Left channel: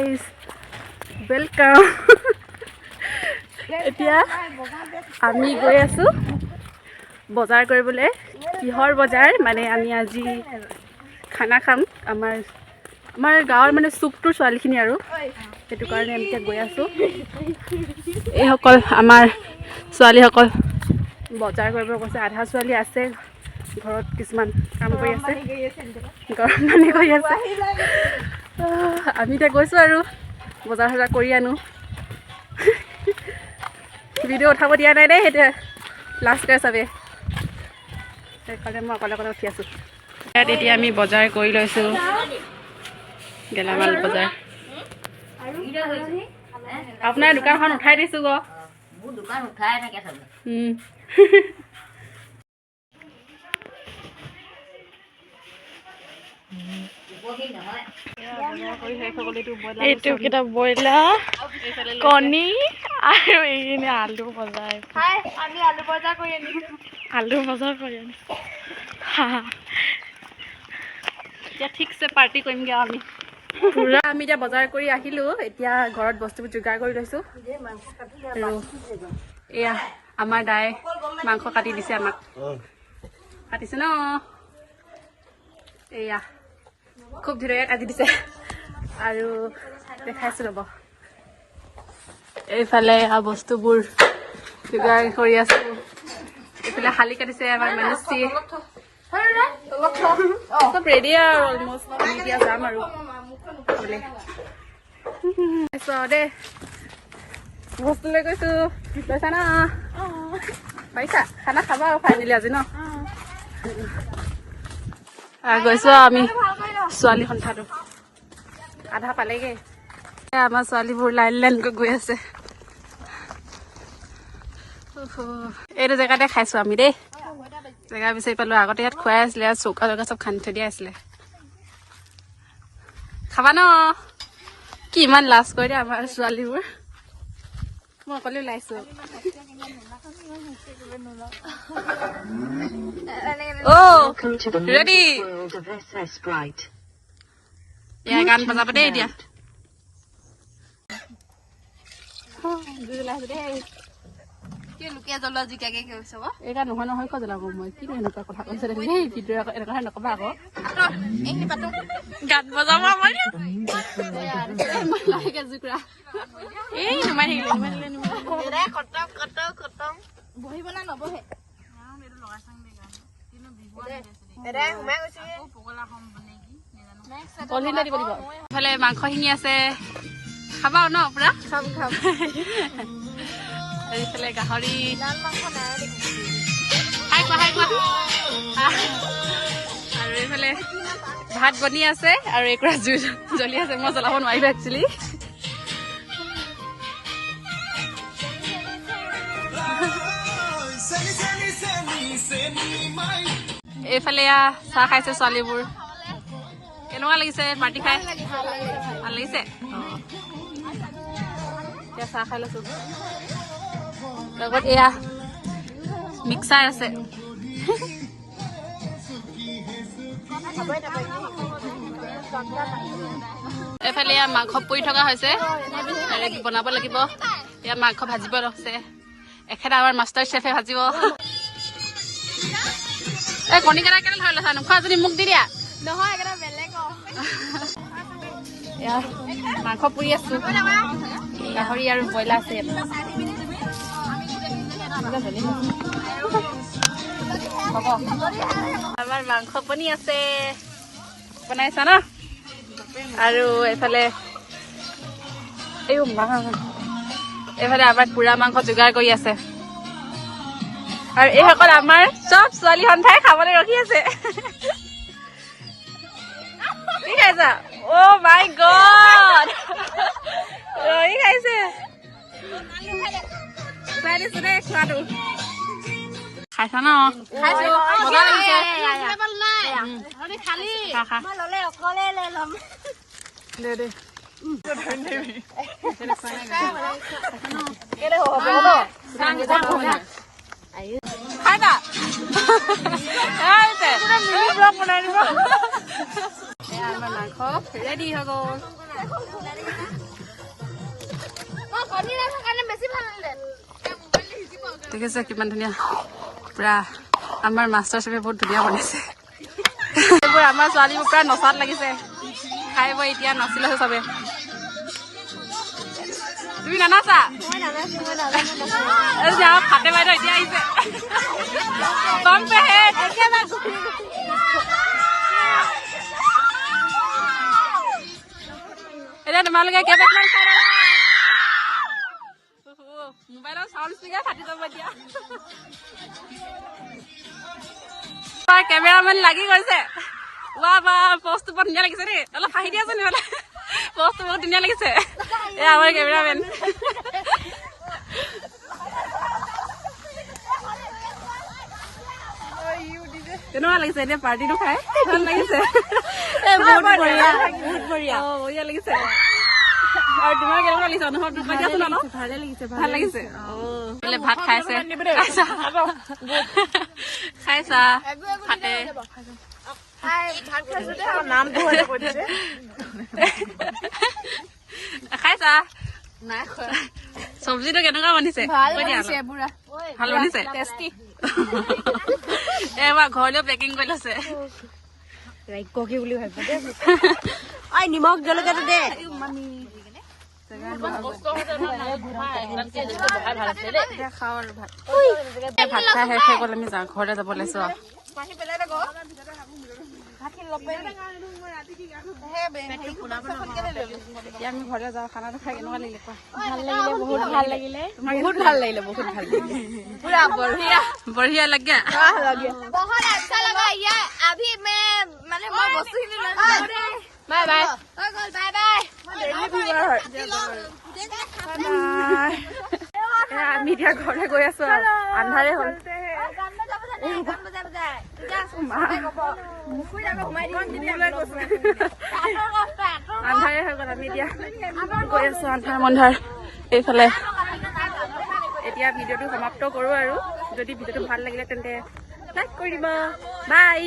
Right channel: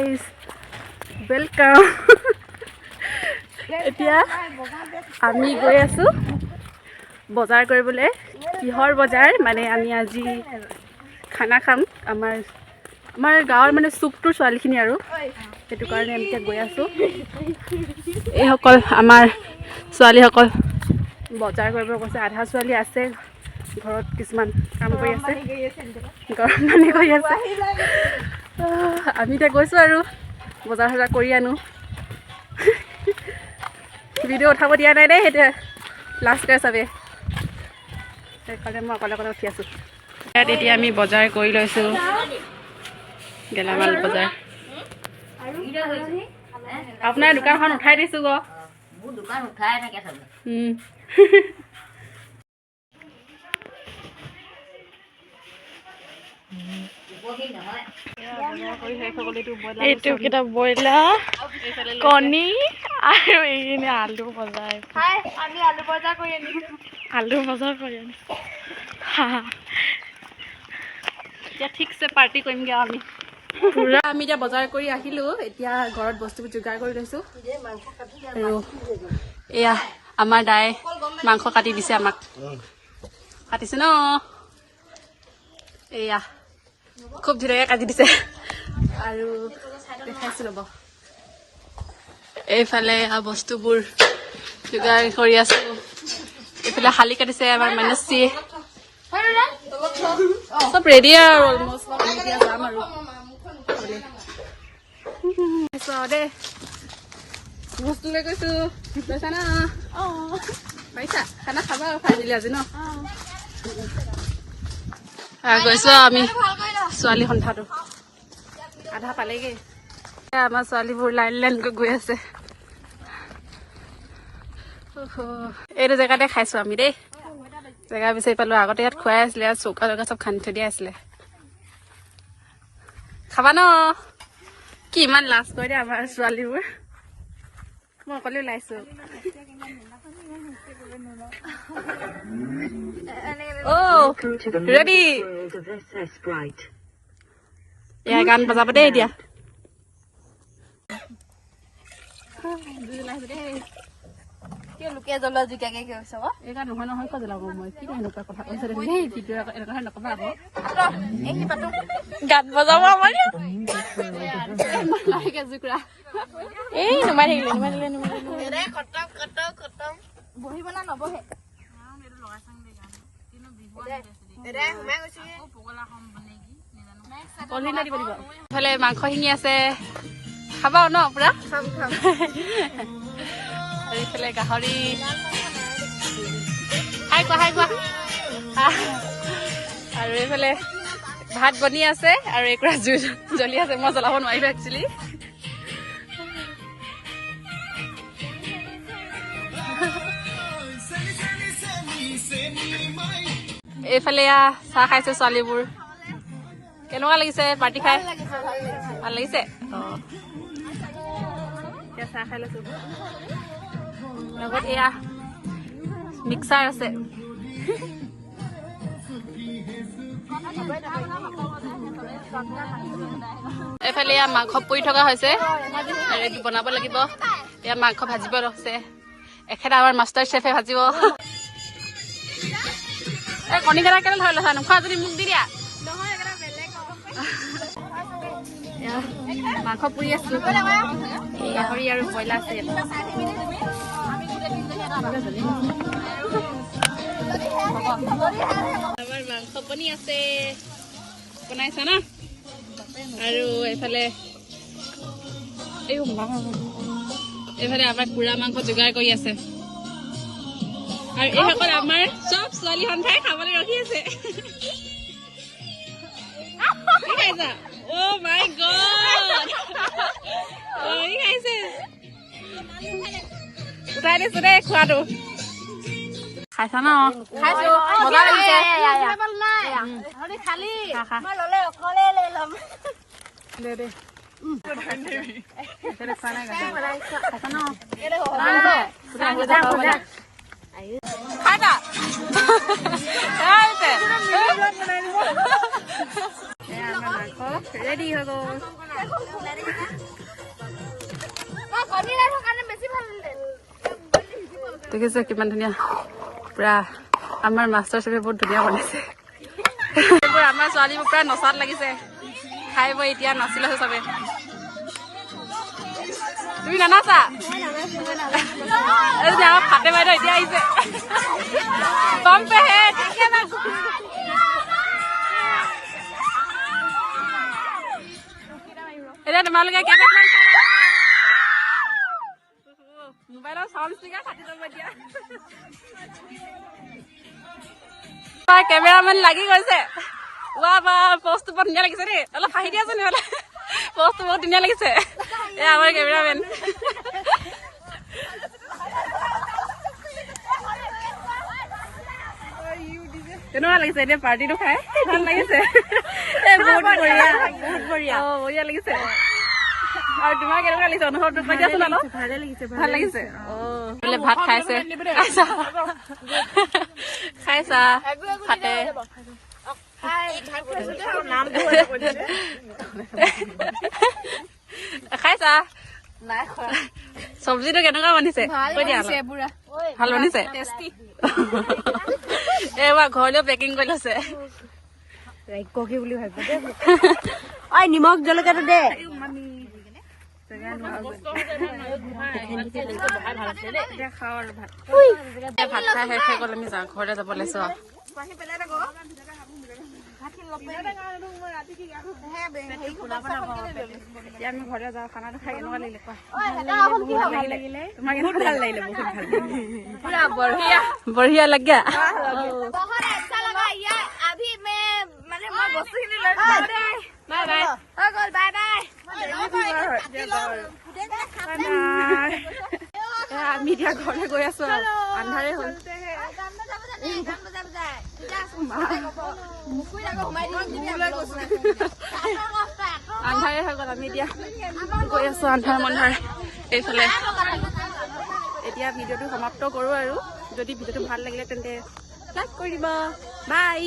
guys welcome এতিয়া আমি গৈ আছো বজাৰ কৰিবলৈ কিহৰ বজাৰ মানে আমি আজি খানা খাম আমাৰ গাঁৱৰ মানে চুকটোৰ ছোৱালীখিনি আৰু সেইটো কাৰণে আমি এতিয়া গৈ আছো এইসকল আমাৰ ছোৱালীসকল বজাৰ কৰিব গৈছে আধা ছোৱালী আছে ঘৰত কিছুমান কাম কৰি আছে গৰম পানী কৰি আছে আমি এতিয়া গৈছোঁ আৰু বজাৰ চজাৰ কৰি আনো ভিডিঅ' উঠাব দিয়া নাই দেই সেইটো লাষ্ট কৰে চবে সেইকাৰণে মই অকলে অকলে উঠি আছোঁ ইয়াত এতিয়া আমি বজাৰ কৰি লৈছোঁ গেলামাল বজাৰ আপোনাৰ দোকানখন উঠাই দিছোঁ গো মোৰ দোকান উঠাই থাকে চবে এইটো কেইটা ব্ৰইলাৰ কণী আৰু এইখিনি আলু বজাৰ আমি আলু বজাৰ কৰি আনিছোঁ এতিয়া ঠিকছে পাৰ্টি কৰিমগৈ আমি পুৰা আমি এতিয়া বজাৰ কৰি আহিলোঁ এতিয়া ঘৰত বস্তুবোৰ যোগাৰ কৰি লৈছোঁ আৰু এয়া আমাৰ দাই মাংস কাটি দিছে আমাক কাটিছে ন এয়া খুব ধুনীয়াকৈ কাটি দিছে আৰু দেখাইছোঁ ৰ'ব এইফালে বস্তুবোৰ যোগাৰ কৰি আছোঁ এইফালে শালি কাটিছে আমাৰ মানসী চব ৰেডি আৰু অলমষ্ট আমি এতিয়া যাম আৰু দেই বস্তু লৈ গৈছোঁ লৈছা ন পাৰিছা খানা খাবা আৰু ফাইনেলি আজি ন গৈছোঁ আমি ছোৱালী সন্থাটো আধা পালেগৈ আমাৰ ছোৱালীবোৰ লাইন লাইনকৈ গৈ আছে এইটো জেগাতে খাইছোঁ আমি দেই জেগা বিচাৰি পালোঁ আগতে ইয়াত খুৱাই আছিলে ইয়াত চৌকা জেগা চব খান্দি থৈ দিয়া আছিলে খাবা ন কি ইমান লাজ কৰি দিয়ে আমাৰ ছোৱালীবোৰ মই অকলে ওলাইছোঁ ৰেডি এয়া গান বজাব দেই এতিয়া এইটা নহয় নহয় কৈ জ্বলাব মই কি এনেকুৱা কথা কৈছে দেই ভিডিঅ' এনেকুৱা নকবা আকৌ গান বজাব আমাৰ এই নুমাই থাকিলে বহিব না নবহে ইফালে মাংসখিনি আছে খাবা ন পুৰা আৰু ইফালে গাহৰি হাই কোৱা আৰু এইফালে ভাত বনি আছে আৰু একুৰা জুই জ্বলি আছে মই জ্বলাব নোৱাৰিলোঁ একচুৱেলি এইফালে চাহ খাইছে ছোৱালীবোৰ কেনেকুৱা লাগিছে পাৰ্টি খাই ভাল লাগিছে অঁ এতিয়া চাহ খাই লৈছোঁ এয়া মিক্সাৰ আছে এইফালে ইয়াত মাংস পুৰি থকা হৈছে আৰু এইটো বনাব লাগিব ইয়াত মাংস ভাজিব আছে এখেত আমাৰ মাষ্টাৰ চেফে ভাজিব এই কণীকেইটা কেনে ধৰি লৈছা নোখোৱা যদি মোক দি দিয়া মাংস পুৰি আছো গাহৰি আৰু ব্ৰইলাৰ আছে আমাৰ মাংস বনি আছে বনাইছা ন আৰু এইফালে এইফালে আমাৰ পুৰা মাংস যোগাৰ কৰি আছে আৰু এইসকল আমাৰ চব ছোৱালী সন্থাই খাবলৈ ৰখি আছে কি খাইছা অ' মাই গড ৰহি খাইছে উঠাই দিছো দেই খোৱাটো খাইছা ন খাইছো মজা লাগিছে খা দে দে খাইছা আমাৰ মাংস ৰেডি হৈ গ'ল দেখিছে কিমান ধুনীয়া পুৰা আমাৰ মাষ্টৰ চেফে বহুত ধুনীয়া বনাইছে এইবোৰ আমাৰ ছোৱালীবোৰ পুৰা নচাত লাগিছে খাই বৈ এতিয়া নাচিলে চবে তুমি নানাচা ফাটে বাইদেউ এতিয়া আহিছে কম পেহে এতিয়া তোমালোকে কেইবাকমান খাই ল'লা মোবাইলৰ চাউণ্ড স্পীকাৰ কাটি যাব এতিয়া কেমেৰামেন লাগি গৈছে ৱা বা পষ্টটো বৰ ধুনীয়া লাগিছে দেই অলপ হাঁহি দিয়াচোন নহ'লে পষ্টটো বহুত ধুনীয়া লাগিছে এয়া আমাৰ কেমেৰামেন কেনেকুৱা লাগিছে এতিয়া পাৰ্টিটো খাই ভাল লাগিছে বহুত বঢ়িয়া বঢ়িয়া লাগিছে আৰু তোমাৰ কেনেকুৱা লাগিছে অনুভৱটো কৈ দিয়াচোন অলপ ভাল লাগিছে বোলে ভাত খাইছে খাইছা ফাটে খাইছা চব্জিটো কেনেকুৱা বনিছে ভাল বনিছে এইবাৰ ঘৰলৈও পেকিং কৰি লৈছে বুলি ভাবিব নিমখ জলকীয়াটো দে খাওঁ আৰু ভাত ভাত খাই শেষ হৈ গ'ল আমি যাওঁ ঘৰতে যাব লৈছো এতিয়া আমি ঘৰতে যাওঁ খানাটো খাই কেনেকুৱা লাগিলে কোৱা ভাল লাগিলে তোমাক বহুত ভাল লাগিলে বহুত ভাল লাগিলে বঢ়িয়া লাগে আমি এতিয়া ঘৰলে গৈ আছো আৰু আন্ধাৰে হ'ল আন্ধাৰে হৈ গ'ল আমি এতিয়া গৈ আছো আন্ধাৰ এইফালে এতিয়া ভিডিঅ'টো সমাপ্ত কৰো আৰু যদি ভিডিঅ'টো ভাল লাগিলে তেন্তে লাইক কৰি দিব বাই